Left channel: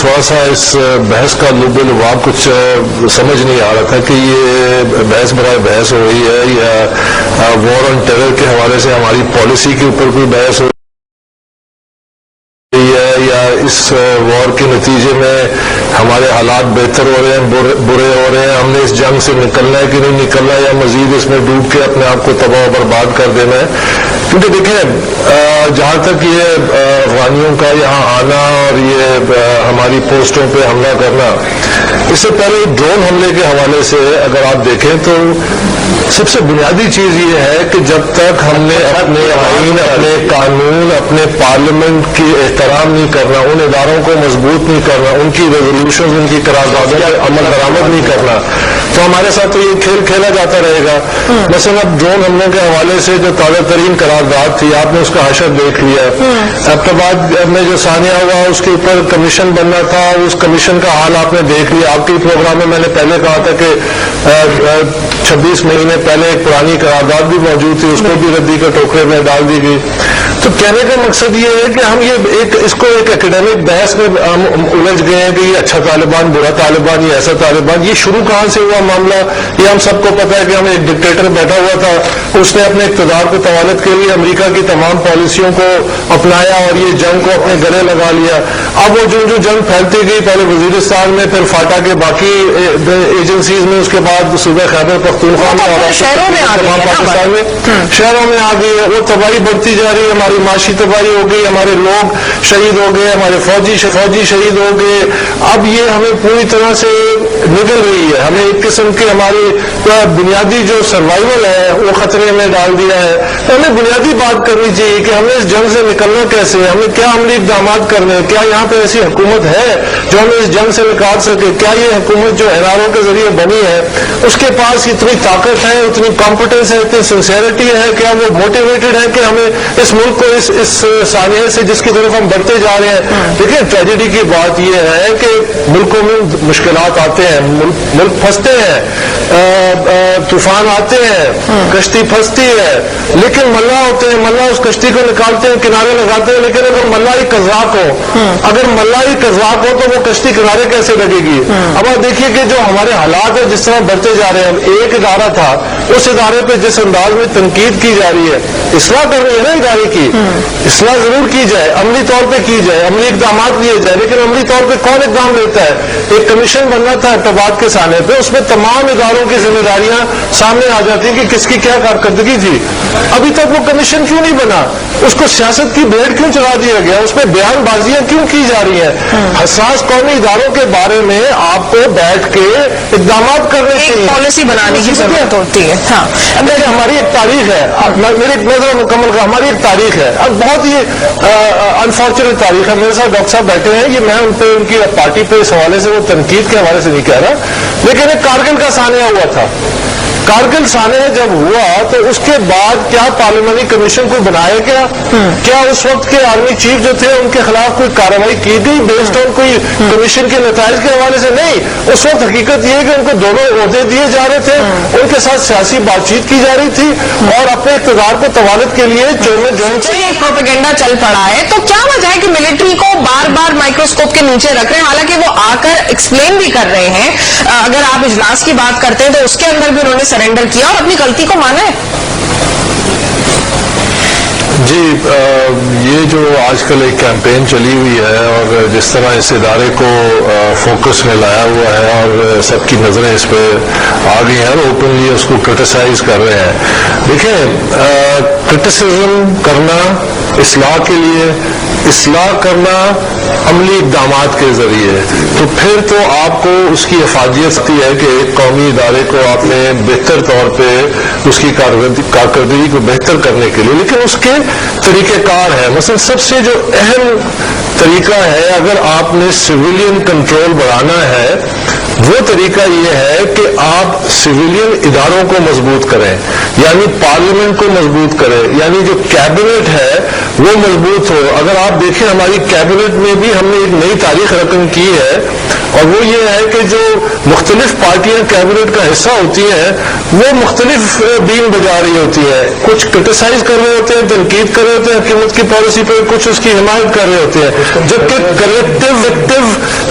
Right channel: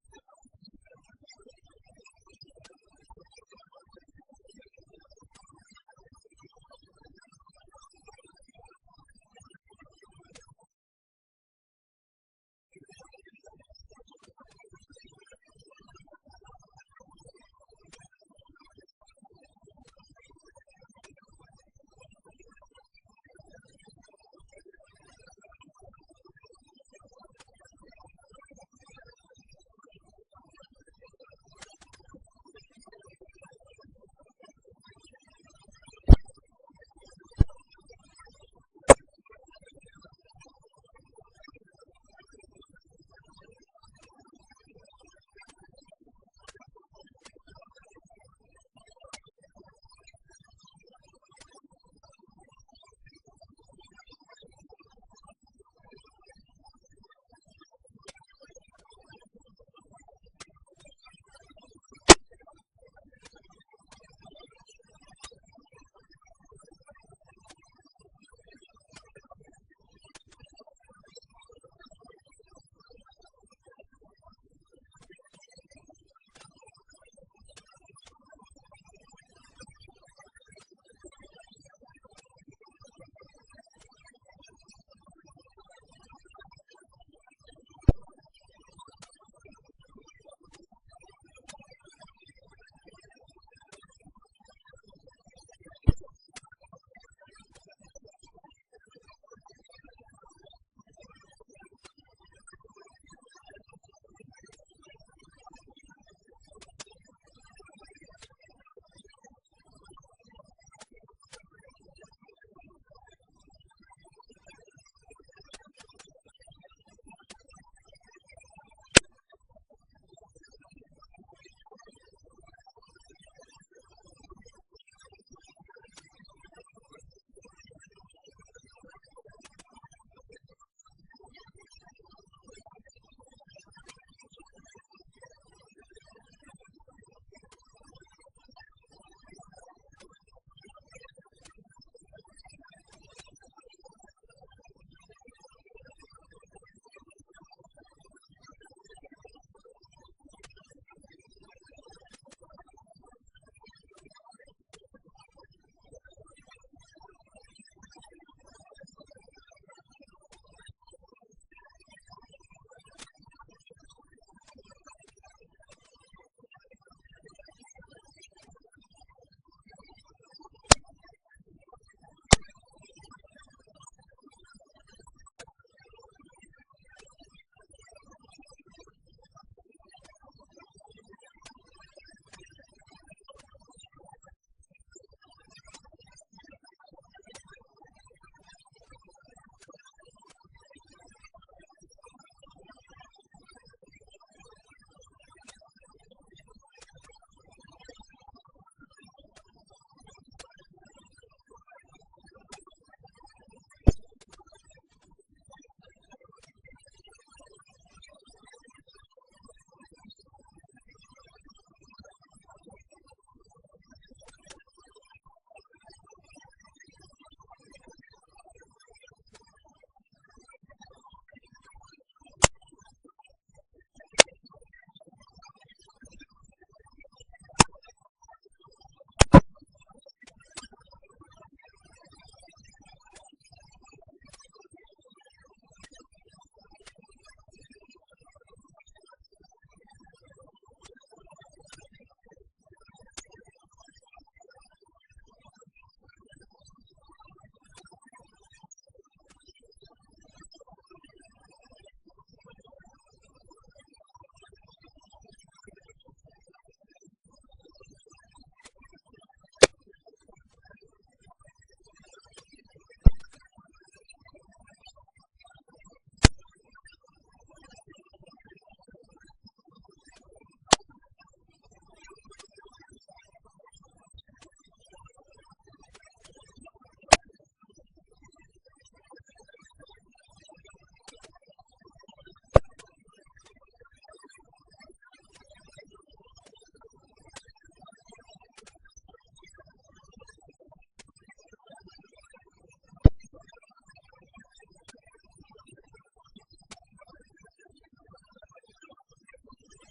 تھوڑا سا اس بحث کا لب لباب کچھ سمجھ نہیں آ رہا تھا کہ یہ بحث برائے بحث ہو رہی ہے یا وار آن ٹیرر کے حوالے سے ہماری پالیسی کے اوپر کوئی بحث ہو رہی ہے یا اس وار کے نتیجے میں ہمارے حالات بہتر ہو رہے ہیں برے ہو رہے ہیں، ہم نے اس جنگ سے نکلنا ہے کہ نہیں نکلنا ہے یا مزید اس میں ڈوب کے اپنے آپ کو تباہ و برباد کر دینا ہے. کیونکہ دیکھیں جہاں تک یہ افغانیوں کا یہاں آنا اور یہ ہماری پوسٹوں پہ حملہ کرنا، اس سے پہلے ڈرون حملے کے حوالے سے اگر آپ دیکھیں تو سب سے بنیادی چیز یہ ہے کہ جب تک ہم نے اپنے آئین، اپنے قانون، اپنے پارلیمنٹ کی احترام نہیں کرنا، ان اداروں کو مضبوط نہیں کرنا، ان کی ریزولوشن، ان کی قراردادوں پر عمل درآمد نہیں کرنا، تو ہمارے ساتھ تو یہ کھیل کھیلا جاتا رہے گا. مثلا اب ڈرون حملوں کے حوالے سے جو تازہ ترین قرارداد تھی، آپ نے اس کا حشر دیکھ لیا. اب کے بعد میں جو ثانیہ ہوا اس کے اوپر کمیشن بننا تھا، اس کمیشن کا حال آپ نے دیکھ لیا. آپ کے پروگرام میں نے پہلے کہا تھا کہ 26 مہینے پہلے ایک پرانی قرارداد بھی موجود تھی، اس کو بھی ردی کے ٹوکرے میں ڈال دی گئی. تو کہنے کا مقصد یہ ہے کہ ہم یہ اس کو ایک اکیڈمک بحث میں الجھ گئے ہیں کہ یہ اچھا طالبان، برا طالبان، یہ ایسا طالبان. یہ شروع کہاں سے ہوا معاملہ؟ یہ ہم سب کو پتا ہے کہ ہم ایک ڈکٹیٹر بیٹھا ہوا تھا، اس نے اپنے اقتدار کو طوالت کے لیے امریکہ کی تمام پالیسیوں کو اپنایا اور یہ جنگ کو اپنے گلے لگا لیا. اب وہ جو جنگ پھیلتی گئی، پہلے وزیرستان میں، پھر فاٹا کے باقی ایجنسیز میں، اس کے بعد صوبہ خیبر پختونخوا میں اور تمام پاکستان میں شہروں میں آ گئی ہے. وہ تباہی بڑھتی جا رہی ہے، ہماری معاشی تباہی ہو گئی، ہمارے لوگ شہید ہو گئے، ہمارے فوجی شہید ہو گئے. اب یہ ہمیں پوری طرح سے نگل رہی ہے، ہمیں ایک قسم کی ہماری بنیادی جو سروائیول ہے وہ خطرے میں ڈال دیا ہے. ہمیں بنیادی بات کرنی چاہیے کہ ہمیں اس جنگ سے نکلنا کیسے ہے، ہمیں کیا عملی اقدامات کرنے، کیا یہاں پہ ایسی حکومت ہے جو ہمیں اس جنگ سے نکال سکے؟ کیا یہ حکومت جو اناروں کے ذریعے بنی ہے اس کے پاس اتنی طاقت ہے، اتنی کمپٹنس ہے، اتنی سنسیئرٹی ہے، کیا وہ موٹیویٹڈ ہے کہ ہمیں اس ملک کو اس سانحے سے جس کی طرف ہم بڑھتے جا رہے ہیں؟ دیکھیں ٹریجڈی کی بات یہ ہے کہ ملکوں میں مشکلات آتے ہیں، ملک پھنستے ہیں، طوفان آتے ہیں، کشتی پھنستی ہے، لیکن ملا ہوتے ہیں، ملا اس کشتی کو نکالتے ہیں، کنارے لگاتے ہیں. لیکن اگر ملا ہی قذاق ہو تو وہ کشتی کنارے کیسے لگے گی؟ اب آپ دیکھیے کہ جو ہمارے حالات ہیں جس طرح بڑھتے جا رہے ہیں، ایک ادارہ تھا، اس ادارے پہ جس انداز میں تنقید کی جا رہی ہے، اصلاح کر رہی ہے نا ادارے کی، اصلاح ضرور کی جائے، عملی طور پہ کی جائے، عملی اقدامات لیے جائے، لیکن عملی طور پہ کون اقدام لیتا ہے؟ ایک کمیشن بننا تھا ارتباط کے سانے پہ، اس میں تمام اداروں کی ذمہ داریاں سامنے آ جاتی ہیں کہ کس کی کیا کارکردگی تھی. ابھی تک وہ کمیشن کیوں نہیں بنا؟ اس کو سیاست کی بھیڑ کیوں چلا دیا گیا؟ اس پہ بیان بازیاں کیوں کی جا رہی ہیں؟ حساس قومی اداروں کے بارے میں آپ کو بیٹھ کے اقدامات کرنے چاہیے، پالیسی بنانے کی ضرورت ہوتی ہے. ہاں ہماری ایک تاریخ ہے، میری نظر مکمل کا ہماری ایک تاریخ ہے، اب بہت ہی انفارچونیٹ تاریخ ہے. میرے ساتھ ڈاکٹر صاحب بیٹھے ہیں، یہ میں ان پہ ان کی پارٹی پہ اس حوالے سے، وہ تنقید کے حوالے سے نہیں کہہ رہا، لیکن ایک کارگل کا سانحہ ہوا تھا. کارگل سانحہ جب ہوا تو اس کے بعد کیا پارلیمانی کمیشن کو بنایا گیا؟ کیا اس وقت کے آرمی چیف جو تھے ان کے خلاف کوئی کارروائی کی گئی بیسڈ آن کوئی کمیشن کے نتائج کے حوالے سے؟ نہیں. اس وقت حقیقت یہ ہے کہ ان کو دونوں عہدے دیے جا رہے تھے، ان کے ساتھ سیاسی بات چیت کی جا رہی تھی اور اپنے اقتدار کو طوالت کے لیے پروپیگنڈا چل پڑا ہے. تو کیا وجہ ہے کہ ملٹری کو بار بار مائکروسکوپ کے نیچے رکھ رہے ہیں؟ حالانکہ وہ آ کر ایکسپلین بھی کر رہے ہیں. اگر آپ اجلاس کی بات کرتے ہیں تو اس کے اندر بھی انہوں نے سرنڈر کیا اور اپنی غلطی کو مانا ہے. جی یہ جو آج کل ایک کیمپین چلی ہوئی ہے اور جس طرح اس ادارے کو فوکس میں لایا ہوا ہے اور سب کی نظریں اس پہ آ گئی ہیں اور اوپنلی اس کو کرٹیسائز کر رہے ہیں. دیکھیں کرٹیسزم کرنا اصلاح کے لیے، اصلاح کرنا عملی اقدامات کے ذریعے، تو پھر تو آپ کو اس کی افادیت ہے کہ ایک قومی ادارے کو آپ نے بہتر طور پہ اس کی کارکردگی کو بہتر کرنے کے لیے، لیکن اس کے طریقہ کار ہے. مثلا سب سے جو اہم طریقہ ہے اگر آپ نے سویلین کنٹرول بڑھانا ہے، وہ طریقہ یہ ہے کہ آپ سویلین اداروں کو مضبوط کریں، یعنی پارلیمنٹ کو مضبوط کریں، یعنی جو کیبنٹ ہے وہ مضبوط ہو. اگر آپ دیکھیں ہماری کیبنٹ میں بھی ہم نے ایک نئی تاریخ رقم کی ہے اور وہ یہ ہے کہ جو مختلف پارٹیاں کیبنٹ کا حصہ ہوتی ہیں وہ مختلف بین بجا رہی ہوتی ہیں. کچھ کرٹیسائز کر رہے ہوتے ہیں، تنقید کر رہے ہوتے ہیں حکومت کی پالیسی پہ، کچھ اس کی حمایت کر رہے ہوتے ہیں، جبکہ کلیکٹو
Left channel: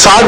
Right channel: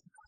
7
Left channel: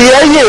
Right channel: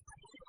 PIA